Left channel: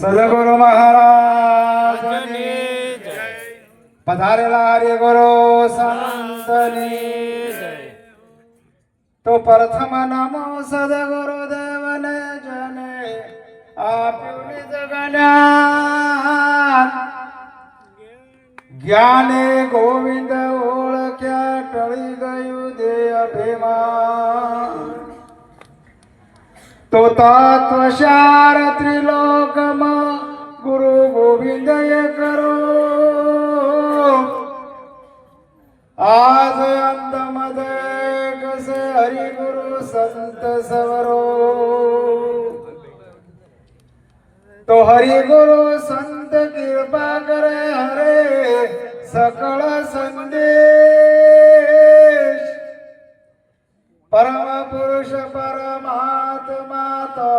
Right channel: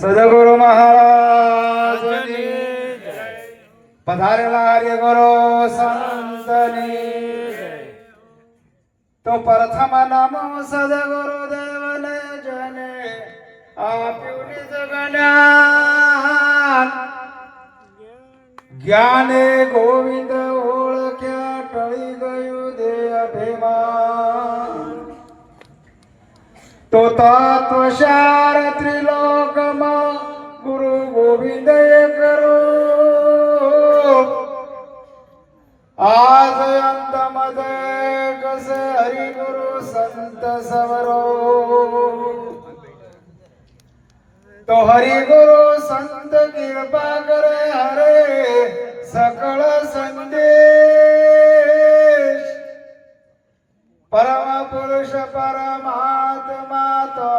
સદગુરુ મહારાજની જય. પધારેલા હરિ ગુરુ સંતની જય. તો પ્રથમ નમો સદગુરુ દેવને જને આપ્યું નિજ જ્ઞાન. જ્ઞાને ગોવિંદ ઓળખ્યા ટળી ગયું દેહ અભિમાન. તો તત્વસાર ત્રિલોકમાં ગુરુ ગોવિંદે કરું. આજ અંતમ દેખ સે હરિ ગુરુ સંત સવરો. તો હરિ ગુરુ સંત કૃપા કરે હરે સકળ સંદેશ. પરમ પુરુષ પરમાત્મા તો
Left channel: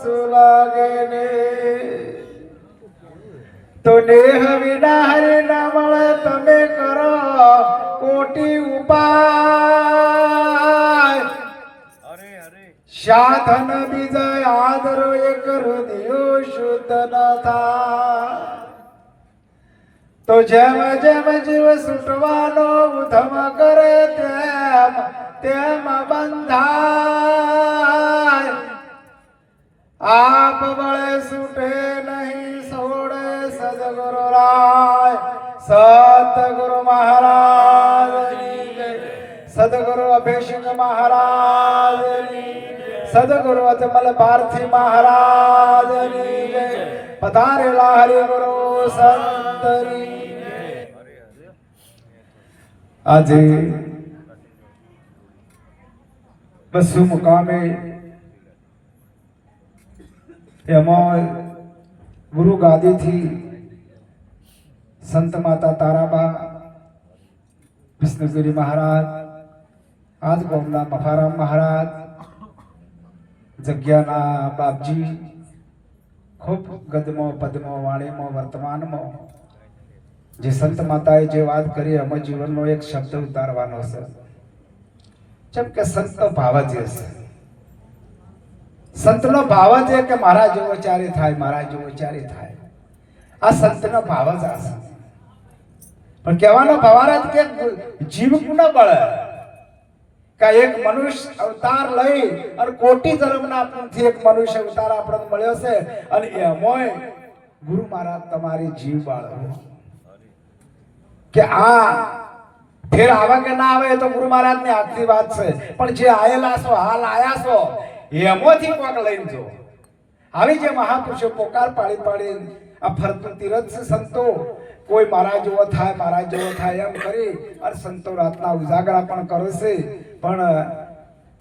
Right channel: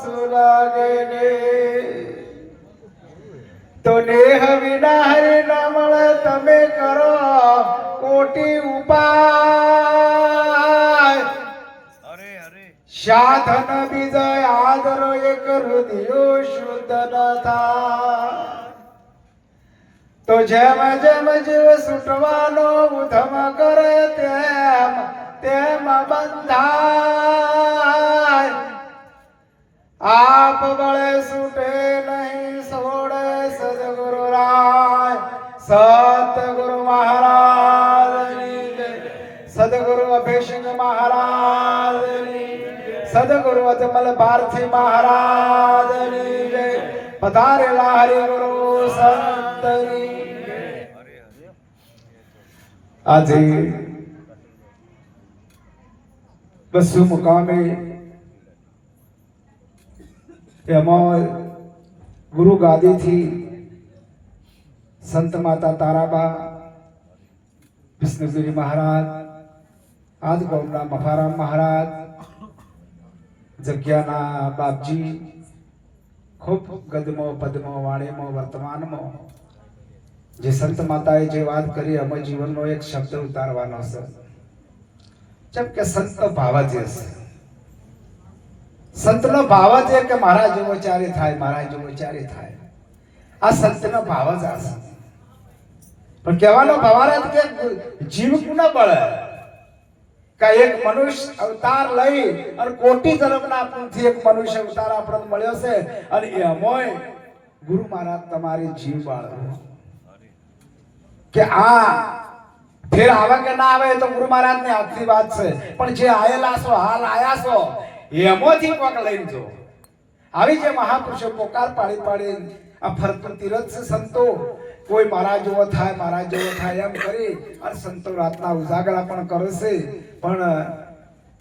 સુલાગે ને. તો દેહ વિના હરિ ના મળે તમે કરો કોટી ઉપાય. સાધન બીજા આદરો એક હૃદયો શુદ્ધ ન થાય. તો જેમ જેમ જીવ છૂટવાનો ઉધમ કરે તેમ તેમ બંધાય. આપ બળે છૂટે નહીં છોડે સદગુરુ રાય. સતગુરુ મહારાજની જય. સદગુરુ અભિષેક મહારાજની. સદગુરુ અજમલ ભારતી મહારાજની જય. પધારેલા હરિ ગુરુ સંતની જય. આજે બસુ મુકામે એમાં ગુરુ ગાદીથી સંત માતા તારાબા વિષ્ણુગીરી મહારાજ, આદગૌરના મફારામ મહારાજ, જગ્યાના બાપજી ખૂબ ગદમાં પદમાં વાણીમાં વર્તમાનમાં જે સંત માતાએ જે વાત કરી એમાં જીવનનો એક શબ્દ ઉતારવાનો છે. જેમ કે સંતનો ભાવ જ છે. સંતનો ભાવ જ કે મારા જેવો ચારે થાય, મારા જેવો ચારે થાય. આ સંતનો ભાવ જ આ છે. પણ કહેવાનો ભાવાર્થ કે જીવ કોને બળે કે એક મનુષ્ય અવતાર લઈ અને કોટી જન્મના પુણ્યથી એક મનુષ્ય અવતાર આપણને મળ્યો છે અને એમાંય ગુરુ મહારાજ તમારી જીવ બાળો કે આ ફેર આવે કે ના આવે તો ગુરુ મહારાજની હાથની વાત છે. પણ જે આયેલા છો, હાલ આયા છો, એમાંથી કોક લઈને જો. આવી જે મહાપુરુષો પોકાર પાડી પાડી આ ફરતું તીરથ છે સંતો. કોઈ મારા જેવો થાય, મારા જેવો થાય એમ કરી અને સંતો રાતના ઉજાગરા પણ કરે છે. પણ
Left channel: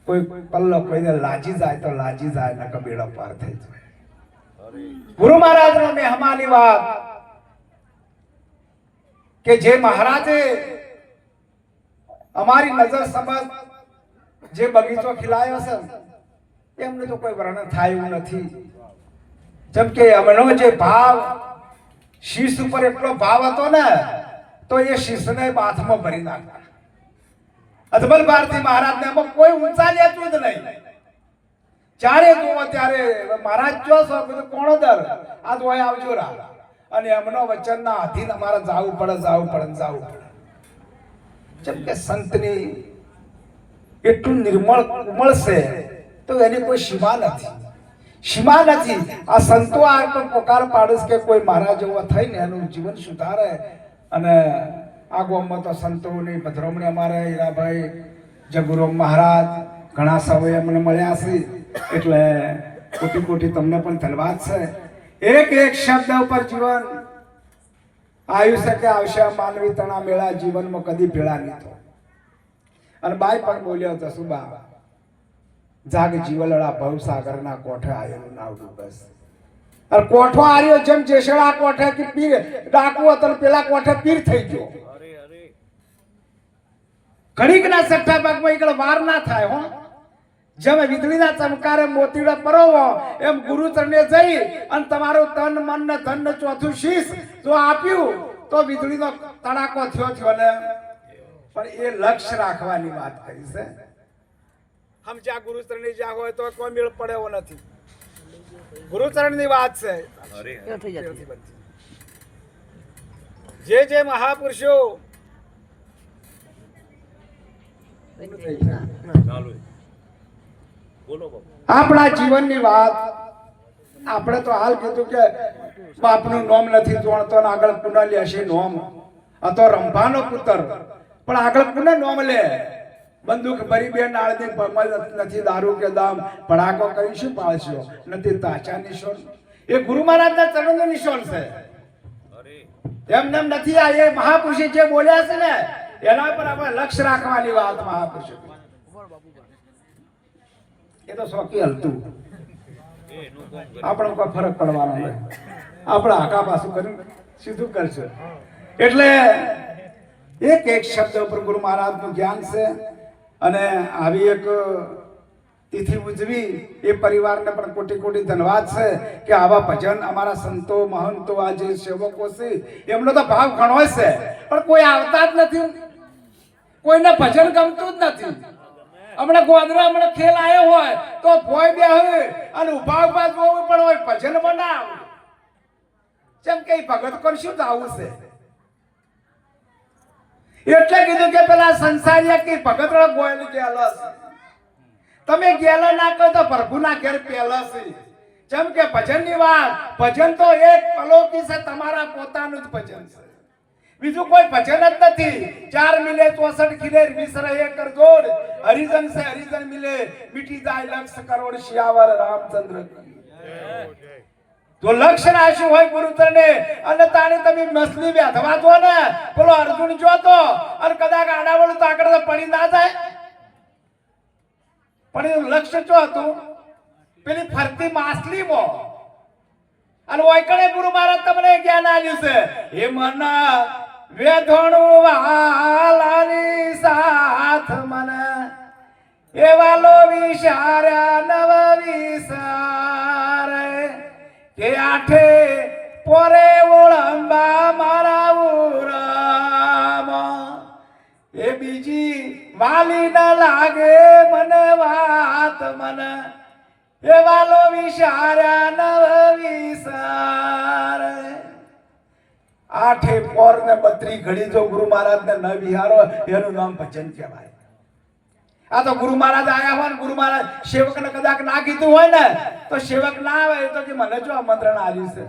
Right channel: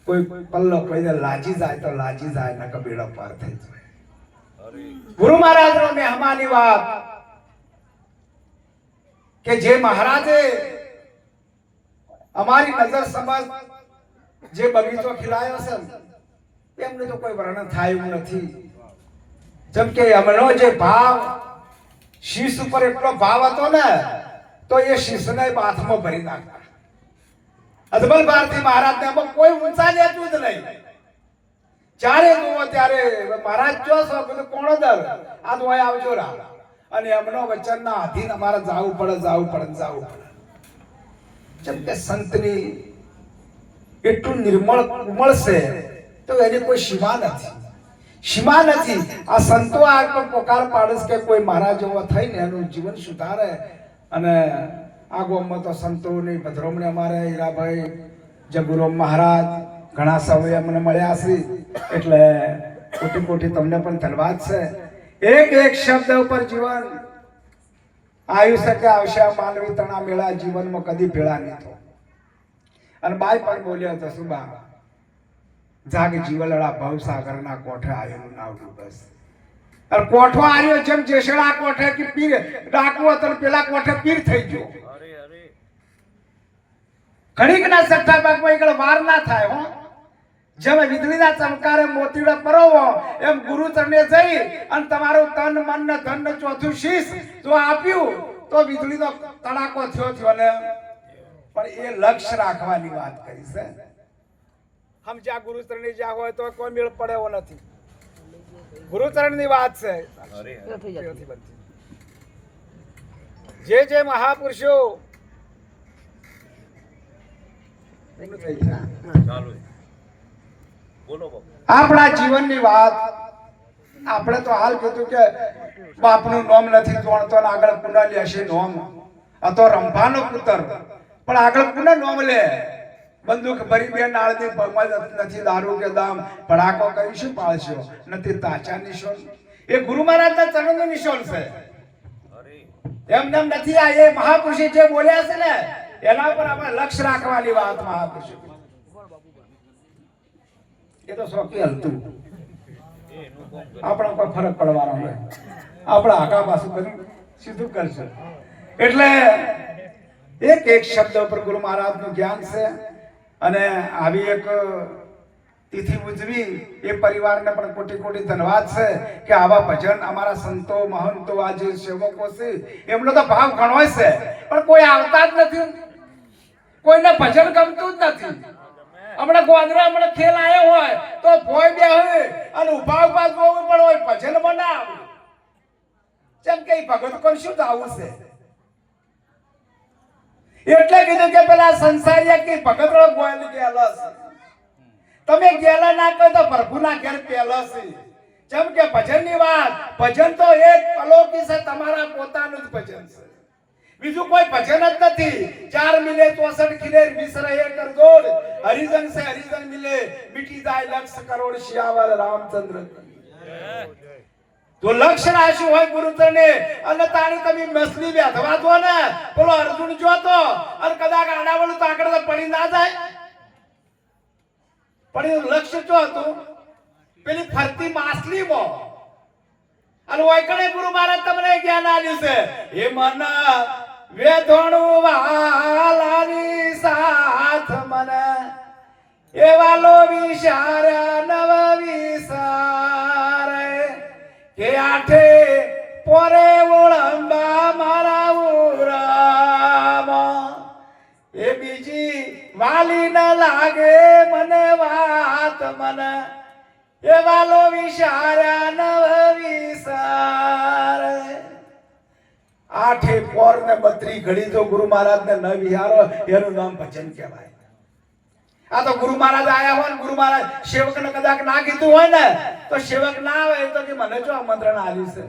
કોઈ પલ્લો કોઈને લાજી જાય તો લાજી જાય, ને કબીડો પાર થઈ જાય. ગુરુ મહારાજનો મહેમાની વાત કે જે મહારાજે અમારી નજર સમજ જે બગીચો ખીલાયો છે એમને તો કોઈ વર્ણન થાય એવું નથી. જેમ કે અમનો જે ભાવ શીશ ઉપર એટલો ભાવ હતો ને તો એ શીશને બાથમાં ભરી નાખતા. અજમલ ભારતી મહારાજને એમાં કોઈ ઊંચા લેતું જ નહીં. જ્યારે જુઓ ત્યારે મહારાજ જો છો કોણ દર આ તો આવજો રા. અને એમનો વચનના અધીન અમારે જાવું પડે, જાવું પડે, જાવું પડે. જેમ કે સંતની એટલું નિર્મળ કુમળ છે તો એની કોઈ સીમા નથી, સીમા નથી. આ સંતો આ પણ પોકાર પાડે કે કોઈ મારા જેવો થઈને એનું જીવન સુધારે. અને આ ગામમાં તો સંતોની પધરામણી અમારે હીરાભાઈ જગુરો મહારાજ ઘણા સમયે અમને મળ્યા છે. એટલે કોટી કોટી તમને પણ ધન્યવાદ છે. એક એક શબ્દ ઉપર જીવન આવ્યું શકે આવશે. માનવી તણા મેળા જીવનમાં કદી ભેળા નહીં થયો. અને બાઈ પણ બોલ્યો હતો સુબા જાગ જીવલડા ભવસાગરના કોઠે આવેલું નાવડું બસ. અને કોઠો આવ્યો જેમ જેસડા કોઠે કે પીર ડાકુ હતો પેલા કોઠે પીર થઈ ગયો. ઘડીક ના સટ્ટા ભાગમાં એકડો વાર ના થાય. હો જેમ વીજળીના ચમકારે મોતીડો પરોવો એમ ગુરુ ચરણે જઈ અને તમારું તન મન ને ધન ને ચોથું શીશ જો આપ્યું તો વીજળીનો તડાકો થયો ને. પણ એ લક્ષ્ય રાખવાની વાત કરી છે. હમ જ્યાં ગુરુ ચરણે જ્યાં હોય તો કોઈ મેળ પડે એવો નથી. ગુરુચરણની વાત છે. તેઓથી બનતી. જે મહાપુરુષો આપણા જીવનની વાત આપણે તો હાલ કીધું કે બાપનું નામ નથી જોણતો ને આગળ કુંડલી હશે નોમ તો રંભાનો પુત્ર પણ આગળ કુને નોમ લે બંદૂક ભરી બે નાળની નથી દારૂ કે દામ ભડાકો કરી શું પાળશો નથી તાચા નિશાન એ ગુરુ મહારાજના ચરણનો નિશાન છે. એમને એમ નથી. આ એ મહાપુરુષે જે બોલ્યા છે ને એના પર આપણે લક્ષ્ય રાખવાની વાત મહાપુરુષે. એ તો શોકી હલતું આપણે કોઈ ફરક પડવાનો નહીં. આપણે આકા પાછું કર્યું સીધું કરશે. એટલે એક શબ્દ ઉપર ગુરુ મહારાજનું જ્ઞાન છે અને આવી એક તિથિ ઉજવી એ પરિવારને પણ કોટી કોટી ધન્યવાદ છે કે આવા ભજન અમારા સંતો મહંતો આ જે સેવકો છે એમનો તો ભાવ ઘણો છે પણ કોઈ આવતા જ નથી. કોઈને ભજન ગમતું જ નથી. હમણાં ગોદરા હમણાં ખેલ આવ્યો હોય તો ભોય બે હોય અને ઉભા ઉભા જોવું પણ હોય ભજન બનાવ જેમ કે ભગત કોણ શું આવું છે. એટલે કીધું કે પેલા સંસારિયા કે ભગત રો ગોયલ ગેલા છે. તમે ગેલા ના કહો તો પ્રભુના ઘેર પહેલા છે. જેમ કે ભજનની વાત ભજન તો એક અલૌકિક છે. તમારા પોતાનું જ ભજન છે. બીજું કોઈ ભજન જ નથી. 4 મિલે 64 ખીલે વિસરે એક જોડ હરિજન સે હરિજન મિલે મિટી જાય લક્ષ કરોડ શિયાવર રામચંદ્ર. તો લક્ષ્ય રાશિ હોય ગુરુચરણે અને તારી તમે મસલી બેઠવા દો ને પેલો અર્જુન જોતો અને કદાચ આડાવડું તો આગળ પડી ના જાય. પણ એનું લક્ષ્ય શું હતું? પેલી ફરતી માછલી મો અને ઓયકડે ગુરુ મહારાજ તમને જ્ઞાન આપ્યું છે. હે મન વેધણું વાલાની સાથ મન એવા લો વિચાર્યા નવ વિસારે કે આઠે પોરે ઓળંબા મારા ઉરામ એ બીજી વાલી ન લાગે મને વાત મને એવા લો વિચાર્યા નવ વિસારે. આઠે પોર ને 32 ઘડી જો ગુરુ મહારાજ ને ન વિહારો એનું નામ ભજન કહેવાય. આ તો ગુરુ મહારાજ આયા હોય ને ગુરુ મહારાજ સેવક ને કદાચ ના કીધું હોય ને તો સેવક ના આવે તો કે મને જો આમંત્રણ આલ્યું છે.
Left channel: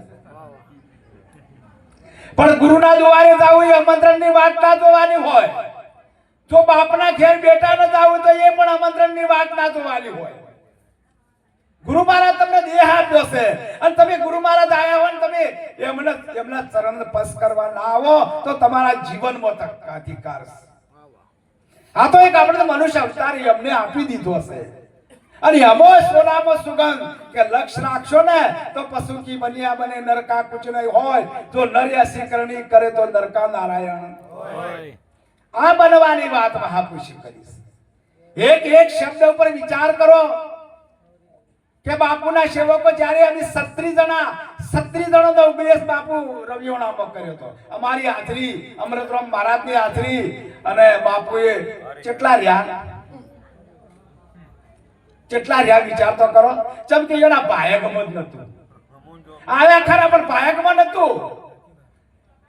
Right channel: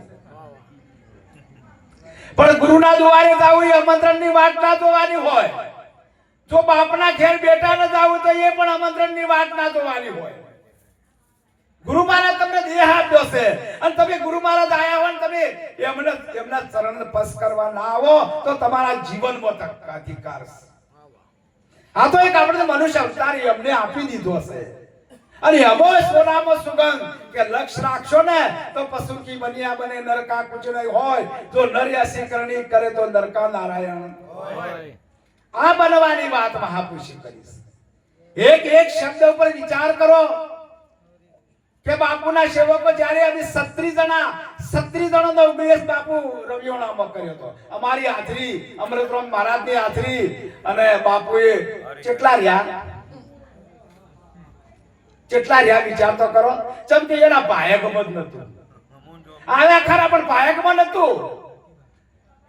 પણ ગુરુના દ્વારે જાવું એ આમંત્રણની વાત ના જોવાની હોય. જો બાપના ઘેર બેટા ન જાવું તો એ પણ આમંત્રણની વાત ના જોવાની હોય. ગુરુ મહારાજ તમને દેહ આપ્યો છે અને તમે ગુરુ મહારાજ આયા હોય ને તમે એમના ચરણ સ્પર્શ કરવા ના આવો તો તમારા જીવનમાં અધિકાર છે. આ તો એક આપણે મનુષ્ય અવતાર એમને આપી દીધો છે અને અમો સોનામાં સુગંધ કે લક્ષ રાખશો ને તો પશુ કી બનિયા બને નરકા કુછ નહીં હોય. જો નર્યાસી કરણી કરે તો નરકા નારાયણ હોય. આ બનવાની વાત મહાપુરુષે કરી છે. એક શબ્દ ઉપર વિચાર કરો કે બાપુના સેવકો જ્યારે અમે 36 જણનો ઉપદેશ બાપુ રવિવાણામાં કર્યો હતો. અમારી હાજરી અમૃતરામ મહારાજની હાજરી અને બાપુએ કેટલા રહ્યા વિચાર તો કરો. જેમ કે એના ભાયકમાં જ નતું આવ્યા ખરા પણ ભાયકમાં નતું.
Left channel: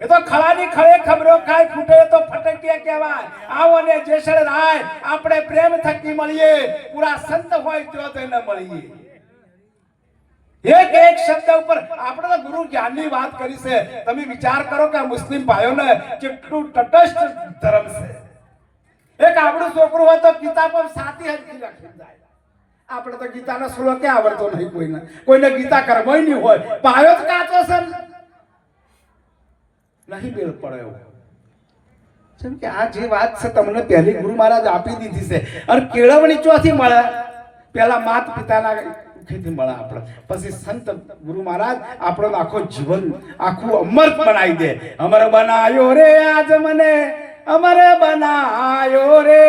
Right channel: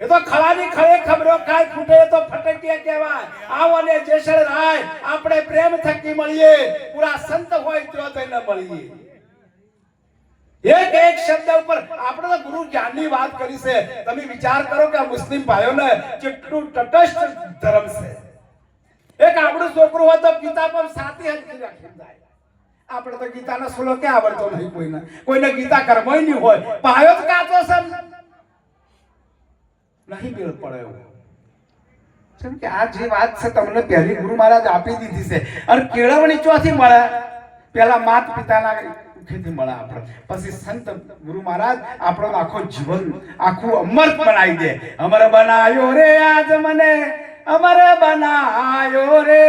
એ તો ખળાની ખળે ખબરો ખાય ફૂટે તો ફટકિયા કહેવાય. આવો ને જેસળ રાય આપણે પ્રેમ થકી મળીએ પૂરા સંત હોય તો તેને મળીએ. એક શબ્દ ઉપર આપણે તો ગુરુ જ્ઞાનની વાત કરી છે. તમે વિચાર કરો કે આ મુસ્લિમ ભાઈઓને કેટલું તટસ્થ ધર્મ છે. એક આપણું છોકરું હોય તો ગીતા પર સાતી હજી રાખી જાય. આપણે તો ગીતાનો શ્લોક કે આવડતો નહીં કોઈને ગીતા કર્મોય નહીં હોય. ભાઈઓ જ કાચો છે નહીં મેળ પડ્યો. જેમ કે આ જે વાત છે તમને પહેલી ગુરુ મહારાજ આપી દીધી છે અને કેળવણી ચોથી મળે પેલા માત પિતાના ખેતી મળે આપણે પછી સંત ગુરુ મહારાજ આપણો આખો જીવન આખું અમર બનાવી દે. અમર બનાયો રે આજ મને અમર બનાયો રે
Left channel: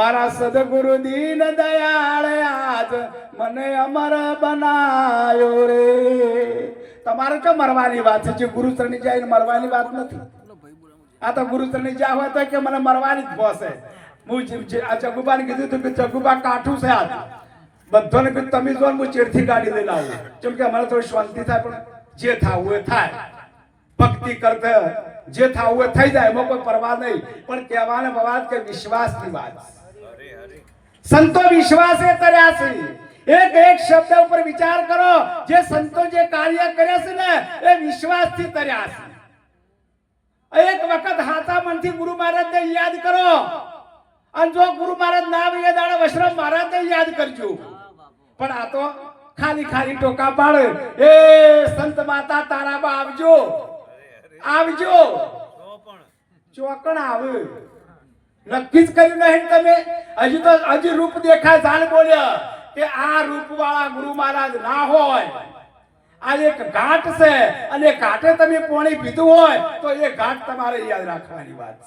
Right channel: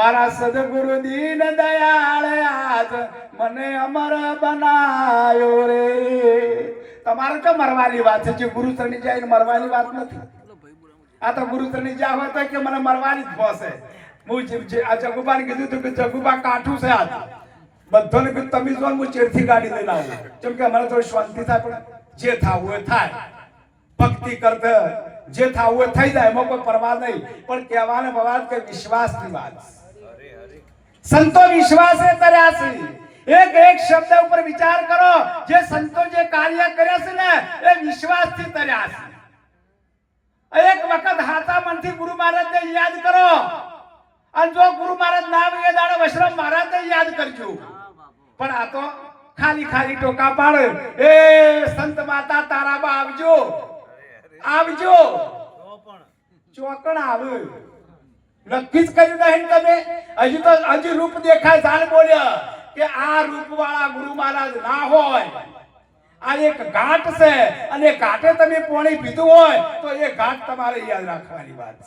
મારા સદગુરુ દીન દયાળ આજ મને અમર બનાયો રે. તમારે તો મરવાની વાત છે. જે ગુરુચરણી જાય મરવાની વાત નથી. આ તો ગુરુચરણી જાય હોય તો કે મને મરવાની જ ભોસે. હું આ જગુબાને કીધું હતું કે જગુબા કાઠું છે આજ બધાને કીધું તમે જો હું ચેડથી ગાડી લઈને આવું, કેમ કે અમારે થોડી શાંતિ થાય, પણ જે થાવું એ થાય, ભક્તિ કરતા જે થાવું એ થઈ જાય, એમાં કોઈ પરવા નહીં. પણ કહેવાને વાત કે વિશ્વાસની વાત, સંતો વિશ્વાસે કર્યા છે. એક એક શબ્દ ઉપર વિચાર કરો, જે સંતો જે કાર્ય કર્યા છે ને એ વિશ્વાસથી કર્યા છે. એક વખત હાથા મનથી ગુરુ મહારાજને યાદ કરો, અને જો ગુરુ મહારાજ નામ એ દાડો વૈષ્ણવ મહારાજને યાદ કરજો. પણ આ તો ખાલી ખાલી ટોકા પાડે, એ સંત માતા તારામાં આવજો આવજો, ચોકણ આવે નક્કી જ કર્યું નહીં તમે. હજુ તો હજુ રૂપ દેખાય, જાણ બોલ્યા કે આ રૂપ વાળા ગુરુ મહારાજ ના હોય. આ એક ઘાટ છે, અને ઘાટે તમે પાણી પીધું હોય તો એ ઘાટ તમારે યાદ રાખવાની વાત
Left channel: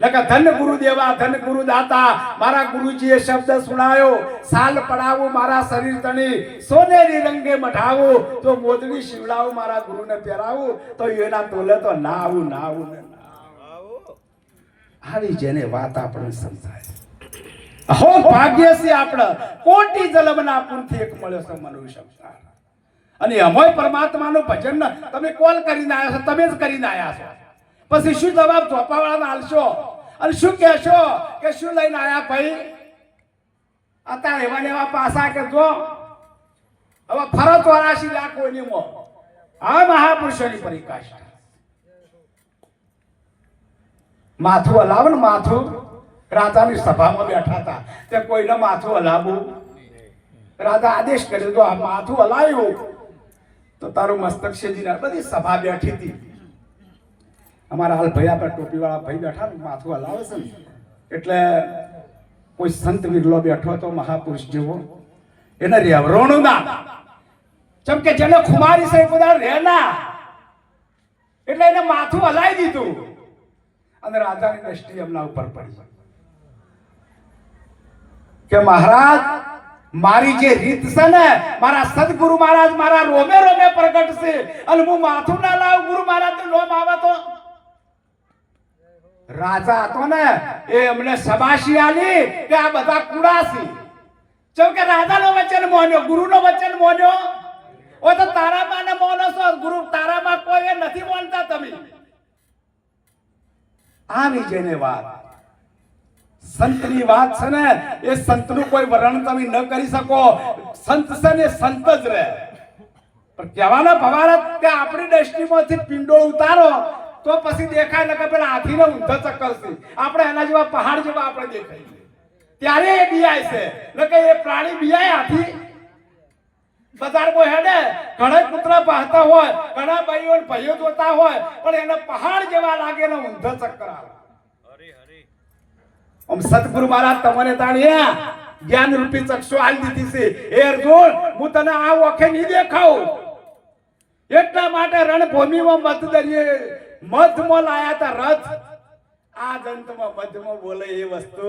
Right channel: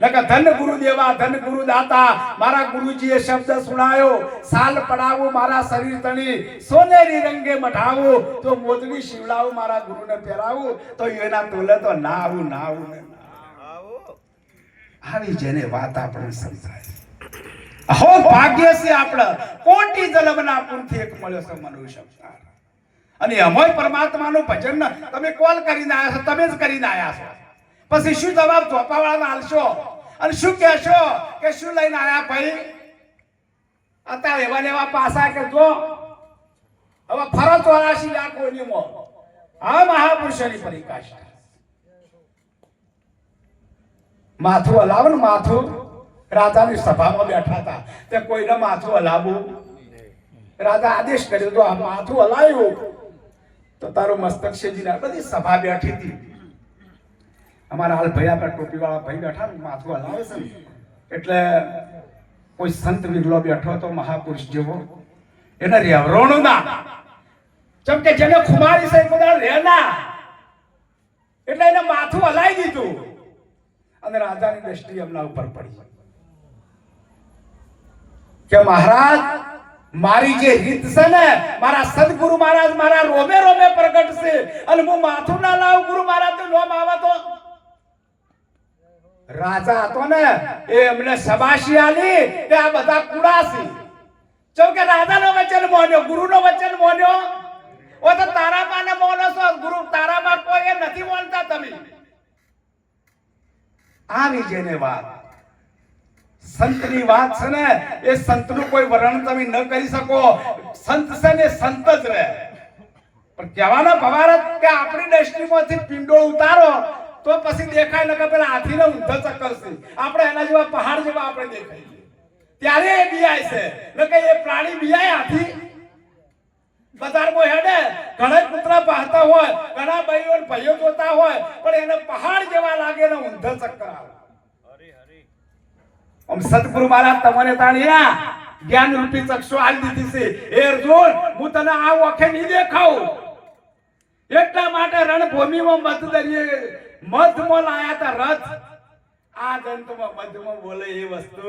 છે. ધન ગુરુદેવા ધન ગુરુદાતા, મારા ગુરુજીએ શબ્દ સુણાયો, સાલ પડાવું મારા શરીર તણી, સોનેરી રંગે મઢાવું, તો મોદડી શિવડાવું મારા ગુરુને પહેરાવું, તો એના તોલે તો ના આવું ના આવું ને આવી જેને વાત આપણને સમજાય. અહો ભાગ્ય છે આપણે, કોટી જન્મના પુણ્યથી એક મળ્યો છે મનુષ્ય અવતાર. અને અમોય પરમાત્માનું ભજન તમે કોલ કરીને આવ્યા છો, તમે જ કરીને આવ્યા છો. પછી શું જવાબ ધોપાવાળાને આલશો, અને શું કહેશો કે શું લઈને આવ્યા ભાઈ? અત્યારે એવા એવા પાસા કે જો હવે ફરો 84 લાખ કોઈની મોં, આ મહાપુરુષોની પરિકાષ્ઠા. માથું હલાવો ને, માથું રાજાની સભામાં બેઠા હતા, તે કોઈને માથું હલાવવું, રાજા આદેશ કર્યો, જો આ માથું હલાવ્યું તો તારું મસ્તક શેજી. બધી સભા બેઠી હતી. અમારા હાલ ભાઈ આપણે ટોપી વાળા ભાઈ બેઠા ને, માથું હલાવે છે ને, એટલે કોઈ સંત વિરલો બેઠો હતો મહાપુરુષ જેવો, એને રેવરોણું ના, જેમ કે જેને ખુમારી છે બધા રહેના, એટલે એને માથું હલાવી દીધું, અને રાજાની દ્રષ્ટિ એમના ઉપર પડી કે મહારાજ મારી જે રીત છે ને, મારા સદગુરુ મહારાજ મારા રોમે રોમે પ્રગટ છે, અને હું માથું ના લાવું ગુરુ મહારાજ નું નામ આવે તો. રાજા હતો ને એ અમને શબાશી આલી કે આ બધા કુડાસી, જેમ કે રાજાનો વચન મોન્યો, ગુરુનો વચન મોન્યો. ઓ તો તારામાં ને મોનો છો, ગુરુ તારામાં કોઈ એ નથી મોનતા તમે. આની જેને વાત સંતની વાત છે ને, એ સંતનું કોઈ વર્ણન તમે ન કરી શકો. સંત છે ને સંત જ રહે. પણ કહેવાના ભવારત કે આપણી દ્રષ્ટિમાંથી પિંડોળ ઉતારો તો પછી દેખાય ને કે પેલા હાથીને ઊંધો ચક્કર છે, આપણે એના જેવા પહાડ જેવા આપણે દેખાય, ત્યારે એ બિયાય છે. એટલે એ પ્રાણી બિયાય હાથી બજારમાં હેડે, ઘણા કૂતરા પાહતા હોય, ઘણા ભાઈઓ જોતા હોય, પણ એને પહાડ જેવા લાગે ને ઊંધો ચક્કર આવે. આમ સદગુરુ મહારાજ તમને તાણ્યા જ્ઞાન રૂપી ચક્ષુ આલી દીધી છે. એ અર્જુન, હું તને આ ઓખે નહીં દેખાઉં, એટલા માટે રણભૂમિમાં મધમાં લાયા હતા રથ. આ જંતમાં મધમાં બોલે એ વસ્તુ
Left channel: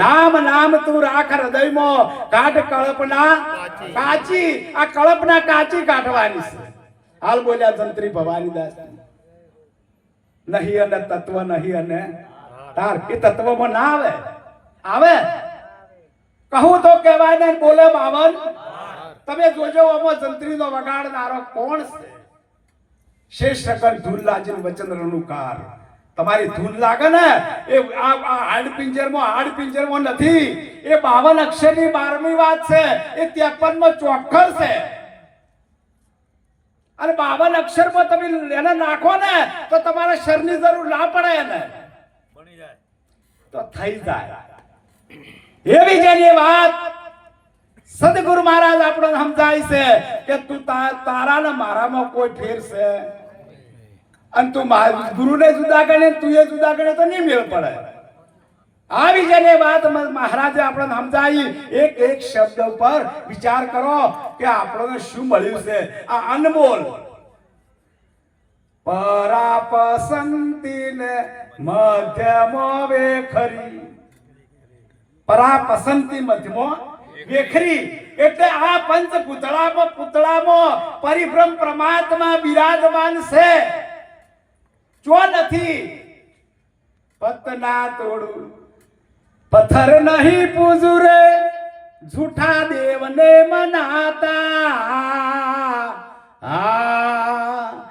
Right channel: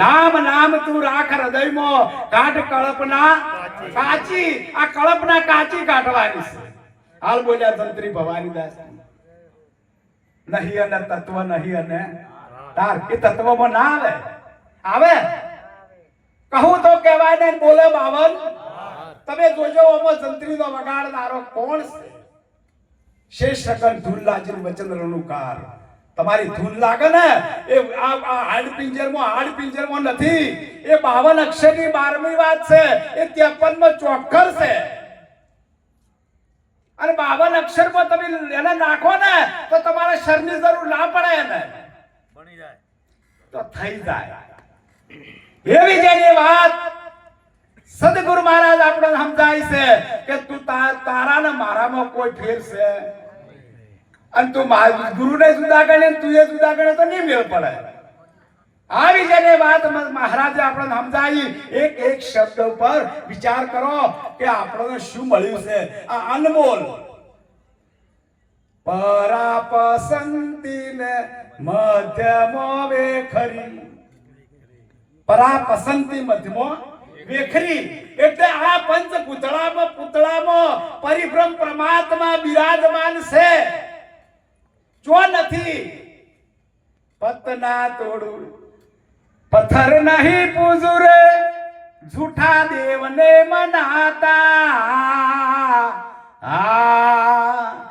નામ નામ તું રાખ હૃદયમાં, કાઢ કળપના કાચી. આ કળપના કાચી કાઢવાની છે. હાલ બોલ્યા જંત્રી ભવાની દાસ, નહીં અને તત્વ નહીં અને તાર કે તત્વમાં ના આવે, આવે કહું તો કહેવાય ને, બોલે બાવન. તમે જોજો આમાં જંત્રીનો વગાડનારો કોણ છે? શેષ શકન ધૂન લાજન વચન રણુકાર. તમારી ધૂન લાગે ને એ હાડ પિંજરમાં નથી, એ 52 અક્ષરની 12મી વાત છે, એ 53માં ચોખ્ખર છે. અને 52 અક્ષરમાં તમે એને નાખો ને તો તમારે શરની જરૂર ના પડે, એને બની જાય તો થઈ જાય. એવી જેની વાત સદગુરુ મહારાજ આપણને સમજાય છે કે તું તારા ને મારામાં કોઈ ફેર છે, અને તું ગુરુને જુદા ગણે તું એ જુદા ગણે તો નહીં મેળ પડે. આવી જેની વાત મહારાજે આપણને સમજાવી. એક એક શબ્દ ઉપર વિચાર કરો કે આપણને શું મળ્યું છે. આ અનમોલ પરાપસંતી ને મધ્યમો વેખરી, પરાપસંતી મધ્યમો વેખરી, એટલે આ પંચ પુતળામાં પરિભ્રમ પરમાત્મા બિરાજમાન છે. જો નથી પતના તોડું, પથ્થર નહીં પૂજું રે, જૂઠા દેવને મનાતા